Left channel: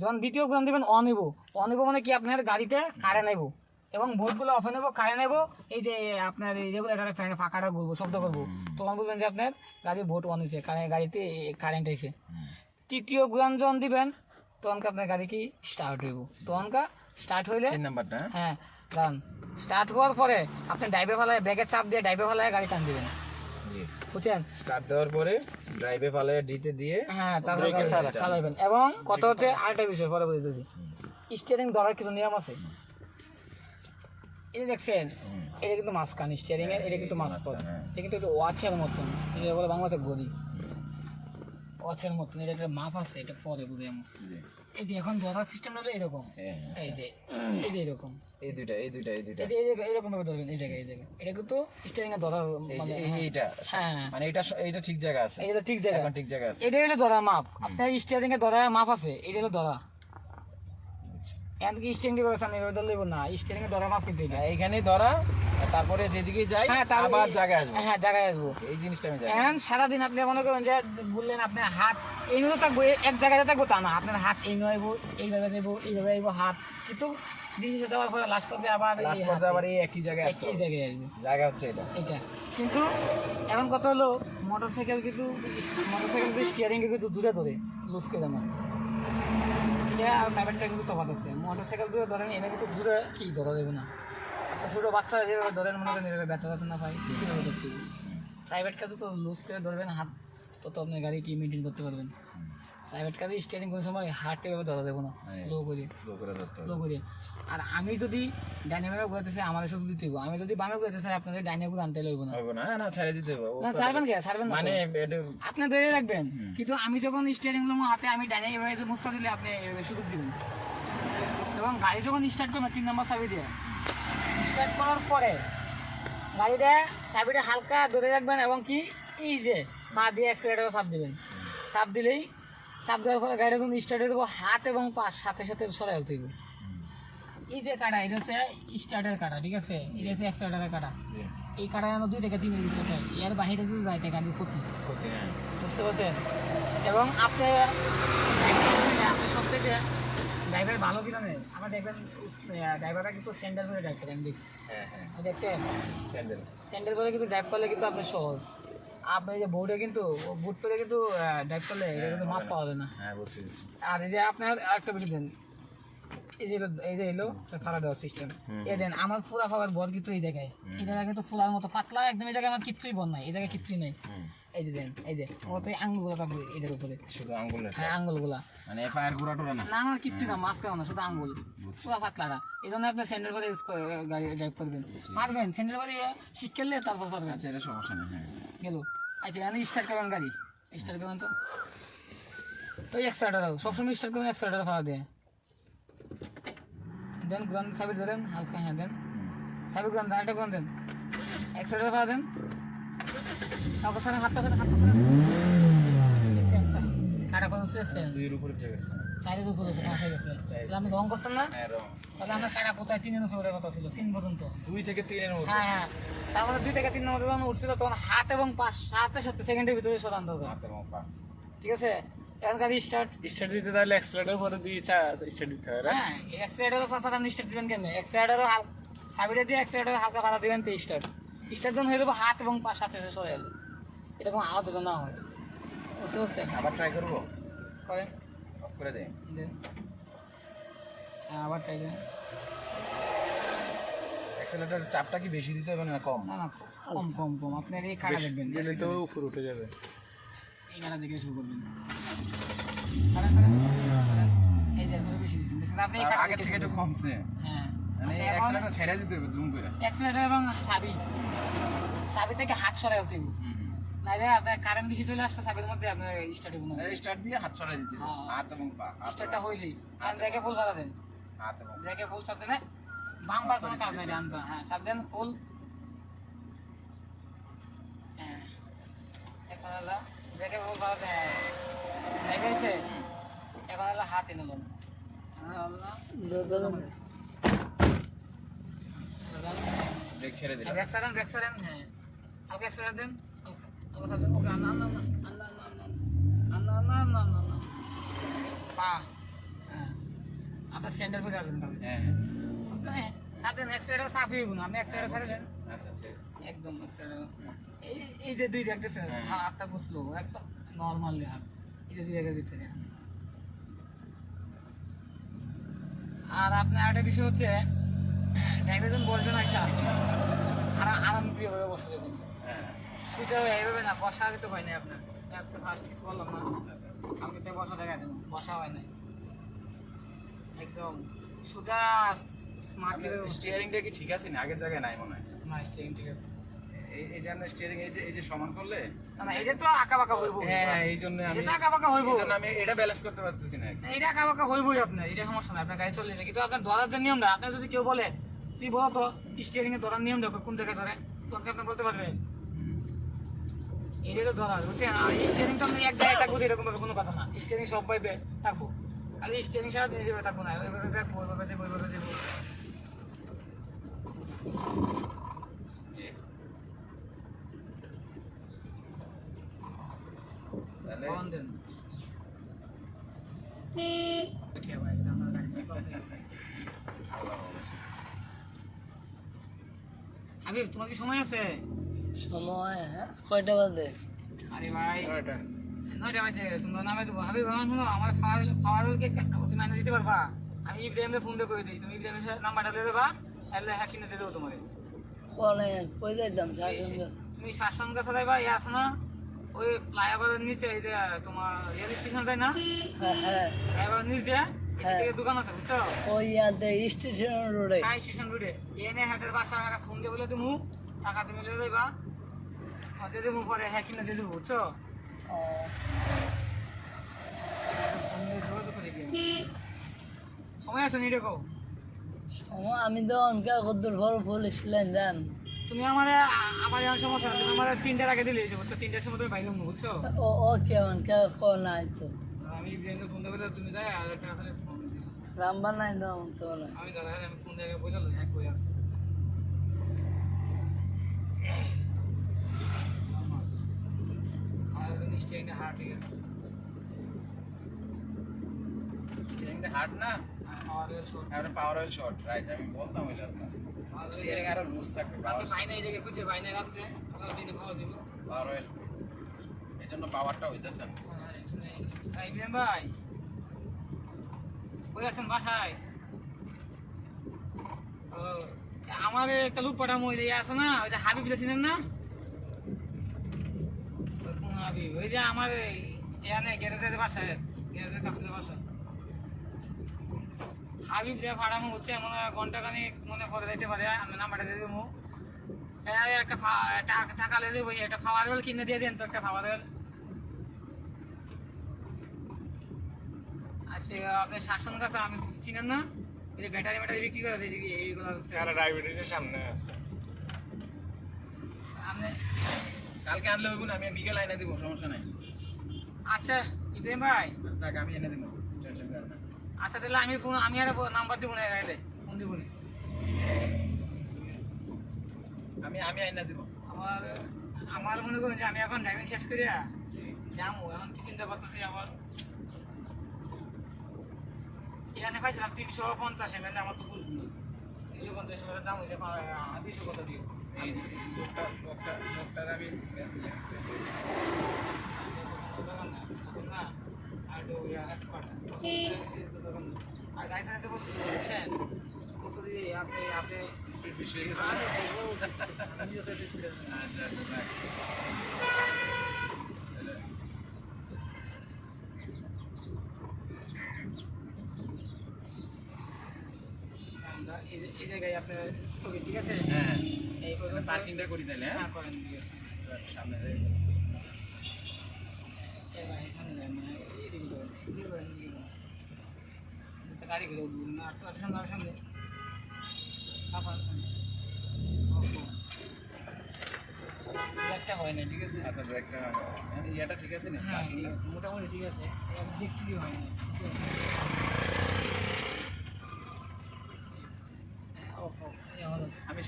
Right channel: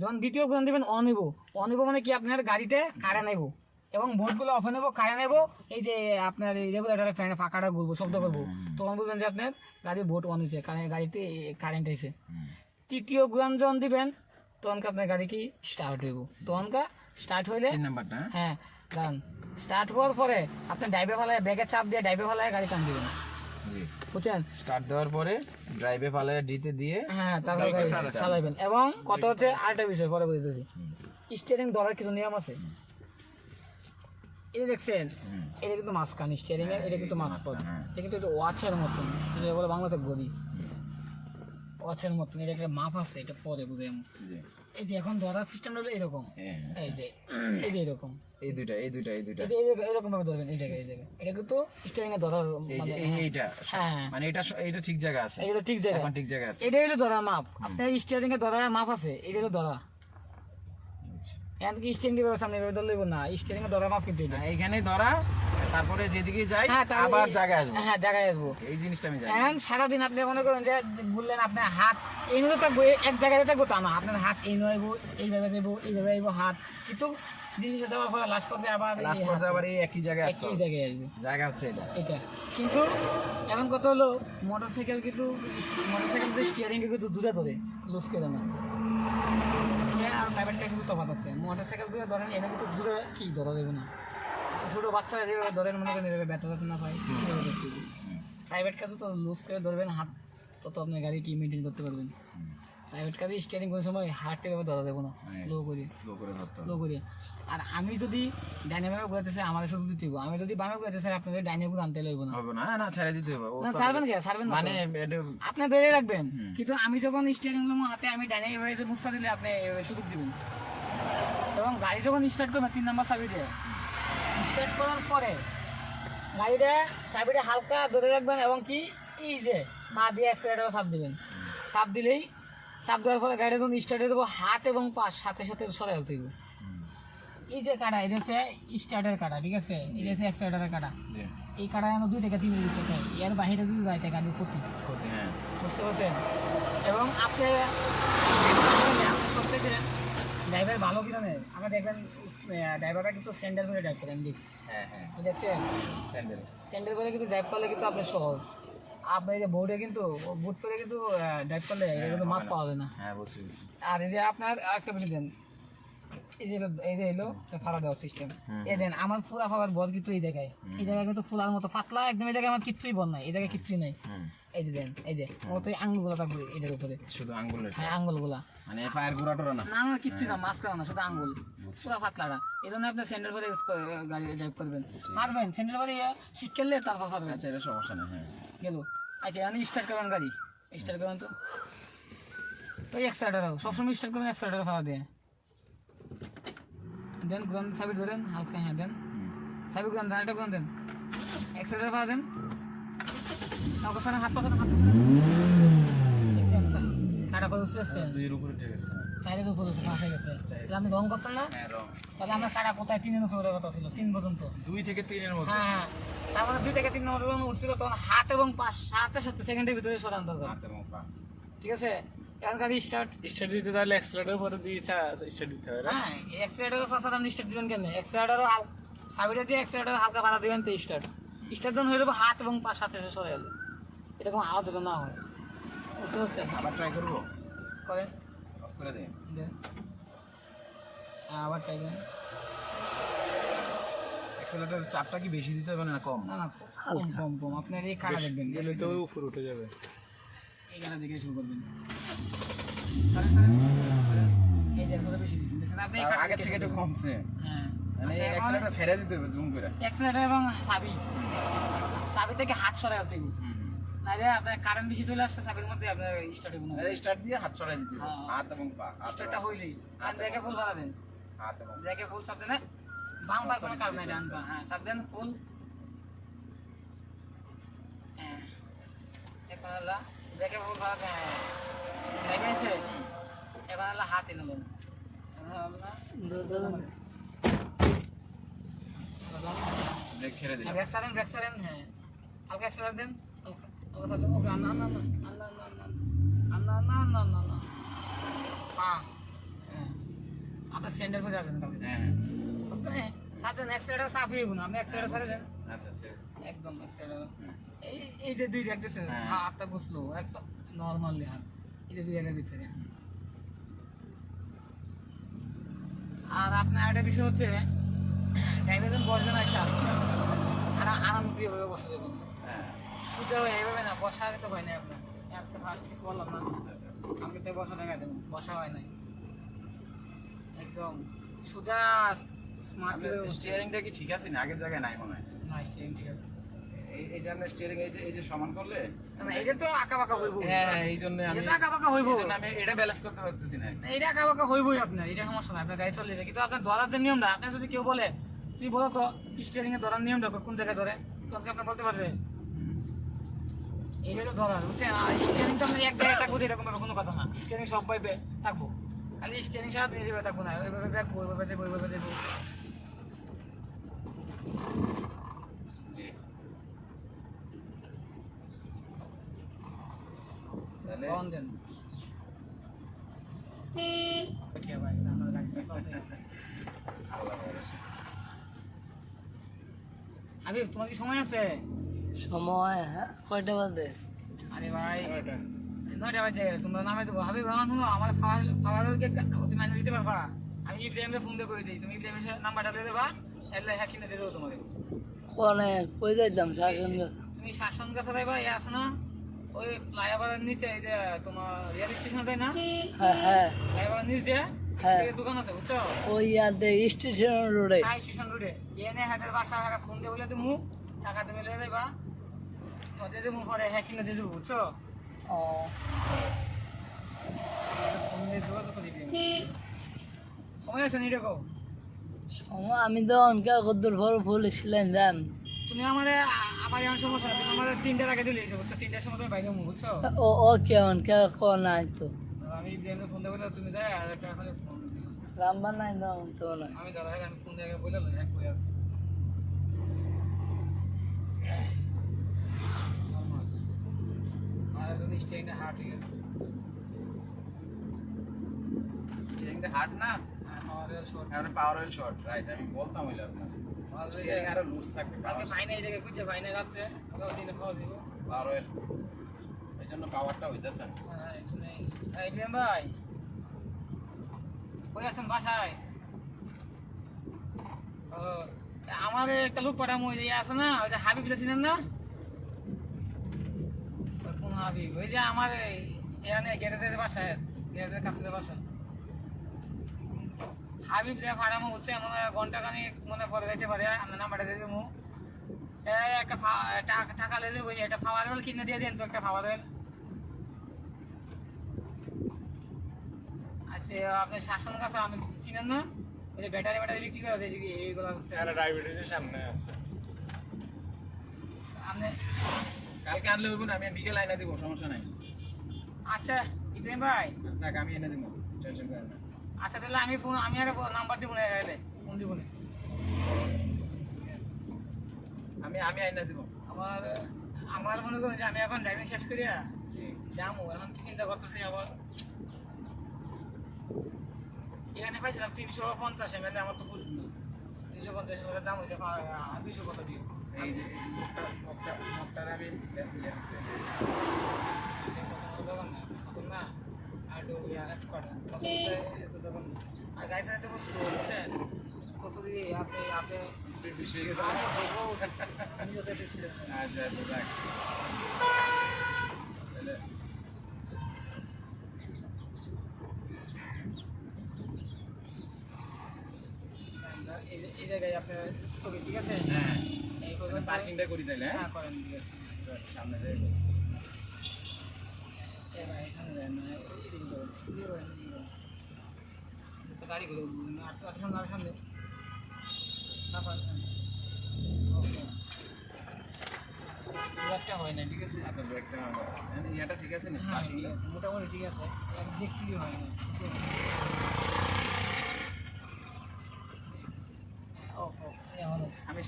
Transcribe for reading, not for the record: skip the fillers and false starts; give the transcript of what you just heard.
যখন দ্বিতীয় ঘুরান দিবেন অন হইব। অন হইব মানে কি আপনার গাড়িতে কারেন্ট নেব এবং বোর্ডগুলো অফ নেব, কারেন্ট নেব, এই যে আপনার এই রেগুলেটরের ফ্যানের ফাঁকাটা ঘুরবো, শব্দ করবো, তখন বুঝবেন যে আপনার গাড়ির বোর্ড অন হয়েছে, গাড়িতে কারেন্ট হয়েছে। তৃতীয় ঘুরান যখন দিবেন তখন আপনার গাড়ি কি স্টার্ট হইব। তখন স্টার্ট হইলে হ্যাঁ দাঁড়ান, স্টার্ট হওয়ার পরে আপনি ড্রাইভে ফেলায় ব্রেকের চাপ দিয়ে ড্রাইভে ফেলায় গাড়ি টান দিবেন, বুঝছেন? স্টার্ট দেওয়ার পরে ড্রাইভে ফালায় ডিতে দিয়ে হ্যাঁ তারপরে গাড়ি চালাবেন। এবং কত হচ্ছে আরেকটা বিষয় পরে বলতেছি, স্টিয়ারিং ধরার কিছু নিয়ম আছে। এই দেখছেন এটা কিন্তু মাঝখান স্টিয়ারিং এর, এটা কিন্তু মাঝপথ, এটা কিন্তু একটু ওয়াচের মতন, এটা বলে বাংলাতে গদি ওয়াচের মতন, এটা একটা মাপ আছে, এটা পরে বুঝে আমি। এই যে এখন ধরার সিস্টেম হলো এরকম, এই যে এরকম, এই দুইটা এরকম ভাবে ধরবেন, এই জায়গায় এটা কিন্তু স্টিয়ারিং এ ধরার মানে এইটা হ্যাঁ মানে এটা ঠিক জায়গা আছে, এটা ঠিক জায়গা, ঠিক জায়গা আছে। এটা হলো ধরার মাপ। আপনার স্টিয়ারিং এ ধরার মাপ আছে, এটা হলো ধরা। এমনকি স্টিয়ারিং এর ব্যবস্থা নেই, ধরলে না, স্টিয়ারিং এ ধরার মাপ কিন্তু এটা। এইখানে ধরা, তারপরে যেদিকে যাই আবার জায়গায় আসবো। হ্যাঁ জায়গায় আসবো, এই জিনিসটা আমি জানি। এখন সারাদিন আপনি মনে করেন যে বললেন আপনার হাত এইভাবে থাকবো, এক জায়গায় থাকবো তা না, আপনার হাত এইভাবে এইভাবে দেবো, এইভাবে আইবো হাত, কিন্তু দিনে যাওয়ার পরে লাস্ট পর্যায়ে আবার এই একই জায়গায় আসতে হবে। একই জায়গায় আসবে, জায়গা হচ্ছে এটা। কিন্তু এখন কথা হলো মোটরসাইকেল কিন্তু স্টিয়ারিং এ কিন্তু দূরে ধরে লুজ করে না, আর প্রাইভেটটা কিন্তু তফাৎ আছে। মোটরসাইকেল দূরে ধরেন, এনে কিন্তু দূরে কি ধরা দেবে না, ছোটো বাচ্চারা যেভাবে ধরেন মনে করেন এভাবে ব্যথা না পায়, কীভাবে দেখতে হবে। প্রাইভেট কাজে তো লুজ করে ধরবেন হাত, তত আপনার গাড়ি কি মেনটেন করতে পারবেন। প্রাইভেট কাজে স্টিয়ারিং করার সময় হাতটা এভাবে ধরা দেবো না, স্লো করে। আর আমি যদি ডাইনামিক ঘুরাতে চাই আমার শুধু দিতে হবে, আমি যদি বামে ঘুরাতে চাই আপনাদের ডাইনামিক আনতে লাগবে না। না ছেড়ে দিতে হবে না ছাড়বেন কে, ছাড়বেন না মানে আপনি ধরে রাখবেন, কিন্তু আমি যখন স্টিয়ারিং গুলো হাতে আমি ডাইনামিক মুস্তা দিলে আপনি সুযোগ দিবেন। এবং গাড়ি যখন স্টার্ট করবেন 3 নম্বর চাবি দিয়ে স্টার্ট করার পরে গাড়িটা চাবিটা হালকা ধরে রাখবেন, এবং কি এই যে পা দিয়ে অ্যাক্সিলারেটরে চাপ দিবেন, চাপ দিলেই চাপ দেওয়ার পরে গাড়িটা যখন স্টার্ট হয়ে দেবো হাত এবং পা সাথে সাথে সরে হতে হবে। এই যে কাটা, এটা হচ্ছে স্টার্টের কাটা, ঠিক আছে, এটা হচ্ছে অ্যাক্সিলারেটরের কাটা। এই কাটা আমরা 2 থেকে 3 মিনিট চলতে হয়, এর বাইরে যদি যাইতে গাড়ির ক্ষতি, বুঝতে পারছেন? এবং আপনার সব থেকে ড্রাইভার ভালো কিনা নেই, আমরা দেখবেন ড্রাইভাররা কিন্তু স্যান্ডেল করে ড্রাইভ করেন, দেখছেন স্যান্ডেল করে কিন্তু ড্রাইভ করলে কিন্তু আপনার সহজ। আপনি এই যে বোর্ডে কিন্তু বুট করে কিন্তু ড্রাইভ করলে এটা কিন্তু মাপ পাওয়া যায় না। আর এই যে আপনার আরেকটা বিষয় দেন, এই যে এলো ফাড়া দেওয়ার সিস্টেম, এই দেন আমার পুরা ফাড়ার বল কিন্তু এই জায়গায়, এই জায়গায় কিন্তু ফুলার মতো পাতলা একদম, এই জায়গায় আমার কিচ্ছুই বল নাই, এই জায়গায় কিচ্ছুই নাই। এই যে দেন, এই যে মতো আঙ্গুলগুলো থাকবে এটার উপরে, শুধু আঙ্গুল, হ্যাঁ আঙ্গুলগুলা, মানে পায়ের গোড়া টোরা না, না কিচ্ছু না, মাছ করা না, শুধু আঙ্গুল পুরা পাতলাটা। এই জন্য আপনি স্যান্ডেল করে ইউজ করে গাড়ি ড্রাইভ করবেন, পারবেন স্যান্ডেল করে শিখলে তারপর পারবেন। আচ্ছা এটা সমস্যা নেই, হ্যাঁ গেল। আচ্ছা আমি স্টার্ট করবেন গাড়ি, স্টার্ট করবেন তো ওই এক্সট্রাটার সবসময় স্টার্ট করবেন এক্সট্রাটার ফাড়া দিয়ে দেন, গ্রান সাবির ধরেন হালকা, হ্যাঁ দেন সাবির গ্রান, আরেকটা গ্রান দেন, এক্সট্রাটার ফাড়া দেন, হাত পাশে কাটা করে উঠছে, দুইয়ের উপরে ঠিক আছে, চাইলের উপরে উঠছে, পাশে গেছে। তাহলে আপনি রং করছেন না, তাহলে আমরা কাটা কোথায় 3 নম্বরের কথা ছিল, 3 পর্যন্ত, 2 থেকে 3 মধ্যে, হ্যাঁ তারপরে 2 থেকে 3 নম্বর যখন উঠছিল তখন হাত এবং পা সাথে সাথে সেকেন্ডের ভিতরে সরান দরকার, ঠিক আছে? এখন গাড়ি স্টার্ট দিতে তাহলে অ্যাক্সিলারেটর পরে দিয়ে স্টার্ট দিতে হয়, হ্যাঁ অ্যাক্সিলারেটরের পাশে আপনি স্টার্ট দিবেন কেন, অ্যাক্সিলারেটরও চাবিটা দিয়ে অ্যাক্সিলারেটর হালকা বাধা দিবেন তো স্টার্ট যখন হয়ে যাবে হাত এবং পা সাথে সাথে সরে গেল, এটা কোনো আওয়াজ না হয়, বুঝতে পারছেন? আবার ট্রাই করবো, করেন, অফ করে দেন, আবার ট্রাই করেন। অ্যাক্সিলারেটর চাপটা কি বেশি দিতে হবে না কম? না কম আপনার এই কাটা দেখবেন, গেলে তো উপরে উঠে যাবে, এই কাটা দেখে শুরু করবেন, এই যে বেশি দিচ্ছেন আপনি, আগে থেকে একটু কমছে, হ্যাঁ মানে অ্যাক্সিলারেটর ছেড়ে দিতে হবে জুম করে, অ্যাক্সিলারেটর এবং চাবি থেকে হাত সরাই হতে হবে, নাহলে আপনার কারেন্ট বেশি চলে আসছে চাবির মধ্যে, আপনার স্টার্ট হবে না, স্টার্ট দিয়ে হাত সরাই দিতে হবে, হাত এবং পা, স্টার্টটা হইলেই ব্রেকে ফুল বাধা দেন, হাত এবং ব্রেকে ফুল চাপ দেন, বাম পা কোনো কাজ নাই, ডান পা হ্যাঁ চাপ দেন ফুল, হ্যাঁ এখন হলো ব্রেকে ফুল বাধা দেন, দেখাইছে, এখন হলো হাত এনে নেন, ব্রেক ছেড়ে দিলাম, ব্রেক সারেন, হ্যাঁ হালকা এক্সট্রা দেন, হালকা দেন, ওকে না পা, হ্যাঁ আর সেন্টার করে আসবেন তাহলে হ্যাঁ বুঝছেন সাথে এক্সট্রাটা চাপই হইব না আপনি এক্সট্রাটা ছাড়ে দেন আচ্ছা আচ্ছা একদম এক্সট্রা এই যে দুই দেখতেছেন হাতটা বসলো একদম নর্মালি হাত এই যে দুই জায়গার ভিতরে আর আপনার একটা বিষয় হচ্ছে ড্রাইভারজন বসবেন আসা আর আরাম প্রিয়ভাবে বসা দেবেন হ্যাঁ সোজা হয়ে এভাবে না বসা আগে তো হয় নাই আপনার আজকে ফার্স্ট কিছু বললাম না আমাকে তো বসা দেখা দেবো বসা হয় নাই একদম সোজা স্মার্ট স্টিয়ারিংটা কি ঠিক আছে না আগের জায়গায় নাই মনে হয় না স্টিয়ারিং ঠিক আছে এই যে আমরা স্টিয়ারিং এই যে সমান করলে না না এটা তো আঁকা বাঁকা হইব হ্যাঁ এই জন্য আমি এটা আঁকা বাঁকা হইব এই জন্য আমি এটা ব্যালেন্স করতে পারতেছি না এটা আঁকা বাঁকা হইবই আপনার এটা সমস্যা না আপনার গাড়ি চলে যায় কিন্তু আপনার ধরার যে নিয়মটা আপনার যদি কেউ বলে তুই বলো তো স্টিয়ারিং এর ধরার নিয়মটা কোন জায়গায় ধরে তো আপনি বলতে পারবেন এটা তো ধরা বুঝছেন আর স্টিয়ারিং তো আপনি এক জায়গায় থাকবো এরকম কোনো কথা না স্টিয়ারিং সব পাইবে থাকবো খালি স্টিয়ারিং সাথে নিজেভাবে থাকবো না ওইভাবে রাখবো ওইভাবে দেবো ওইভাবে দেবো তাহলে অন দেন ঠিক ভাই আমার গাড়ি হাবিব তোমার কি সময় আছে সময় হ্যাঁ কয়টা বাজে আরে ভাই ওইটা 9টা বাজে তোমরা নামে দেবো হাবিব আমার শুনো আমার খাওয়ারকে তুমি আনে দিতে পারবা আমি ইব্রাহিমে ফোন দিয়ে করে দিই তুমি ইব্রাহিমের নাম্বারটা দিয়ে দেবা এলে হ্যাঁ কিনে দিয়ে দেবো তোমাকে কোনে কই যাইতাম সারাদিন তুমি শাসন কাছে যাইবা ইয়ে আছে না ওই ফ্লাইওভারের নিচে ওই যে তোমার রেল স্টেশন যায় না হ্যাঁ হ্যাঁ ফ্লাইওভারের নিচ দিয়ে হ্যাঁ। এদিকে দোকান আছে বুঝছো ওই ইয়াতে স্টেশন রোডে হাই স্টেশন রোডে এনে হাতের বাসা ফোন দিয়ে বলে তুমি টাকা তুমি লেগে যাইবা দিয়ে দেবো পরে হ্যাঁ কিনে দিয়ে দেবো বুঝছো ও ফোন দিয়ে যোগাযোগ করে দিও সময় আছে নি দেখো সময় আমি তো অনকা কদ্দুর ভর বলেছিলেন জান তুমি আমারে আমার এমন সমস্যা তুমি আমার 3টার আগে দিলে বুঝছো 3টার সময় তুমি বাইরে হবো বুঝছো ও ওকে অনকা ক নাই তো আমি ইব্রাহিমকে ফোন দিয়ে বলে তুমি যাই আর একটা খালি ফোন দিও রাম্বা নাই দাও তো না আমি ধরা আমি ফোন দিয়ে বলে এক বই আছে আর স্টেইনে হার্ট ঠিক আছে স্টিয়ারিংটা হার্ড না আমাদের শর্ট আর পাওয়ার অয়েল শর্ট রাইট আমি বলতাম হইলো স্টিয়ারিং আরো লুজ থাকবে কালকে পাই না এই জায়গায় খুঁজে পাই না রাত্রে ওকে দিনে খাওয়া দিব পাওয়ার অয়েল এই জন্য পাওয়ারটা হইতেছে না ইব্রাহিম ভাই কই আছেন বাসায় ও আমার একটা লোক পাঠামো ওই যে ইয়ে আছে না ওই যে হাবিব চিনেন না ওই কোন হাবিব ওই যে আমার এখানে গ্যারেজের বাসায় গ্যারেজের কাছে বাসা হাবিব রে ভাড়ামো হচ্ছে মনে হয় ঘন্টা খানিক মনে পরে যাইতে পারে আমি নাম্বারটা দিয়ে দেবো একটা টাকা লেলে ওই একটা খাওয়ার ওয়েল কিনে দিয়ে দেন তো একটা খাওয়ার ওয়েল আচ্ছা আপনি শাসন কাছে আমি চিনেন না ওই যে ব্যাটারি বিক্রি করে এদিকে এইগুলো আর ডায়াবেটিসের সামনে আছে আপনি কালকে আনলে হইব না আমি বিকেল আইনা দিব সমস্যা নাই আচ্ছা ইব্রাহিম ভাই থাক আমি এনে দিব টেনশন করেন না আচ্ছা তাহলে আমি আর নাম্বার দিব না এলে ফোন দিব না আমি আইনা দিব আমার মনে করেন যে আমি এখন ড্রাইভিং শেষ করিয়া যাবো এখন কি চিন্তা করতেছি আবার এখানে পাইছিলাম 350 ml আমার তো বুঝবো না 350 ml দাম হয়েছে 200 কত দিয়ে এই যে লোকটার আমি দোকান না নতুন না আর একটু এক্সপার্ট দোকান আর গাড়ি চালাতে বসছিল বুঝছেন কত দিয়ে আপনি স্পিড বেশি হয়ে গেছে আমি যত দিয়েছিল আচ্ছা দেখ তাহলে এই জায়গায় আপনার স্থগিত ঠিক আছে হ্যাঁ এই করবেন পার্কিংটা করি তাইলে হ্যাঁ হ্যাঁ করেন ঠিক আছে সামনে যাই ভাই এখানে যায় না এইদিকে যাবেন দিয়ে করেন গাড়িগুলো সামনে সামনে সাফা একটা হয় না ঠিক আছে আচ্ছা ব্রেকটা ইয়াটা ঠিক আছে না হ্যাঁ ঠিক আছে মোটামুটি ঠিক আছে একদিক হয় না ও ও আমি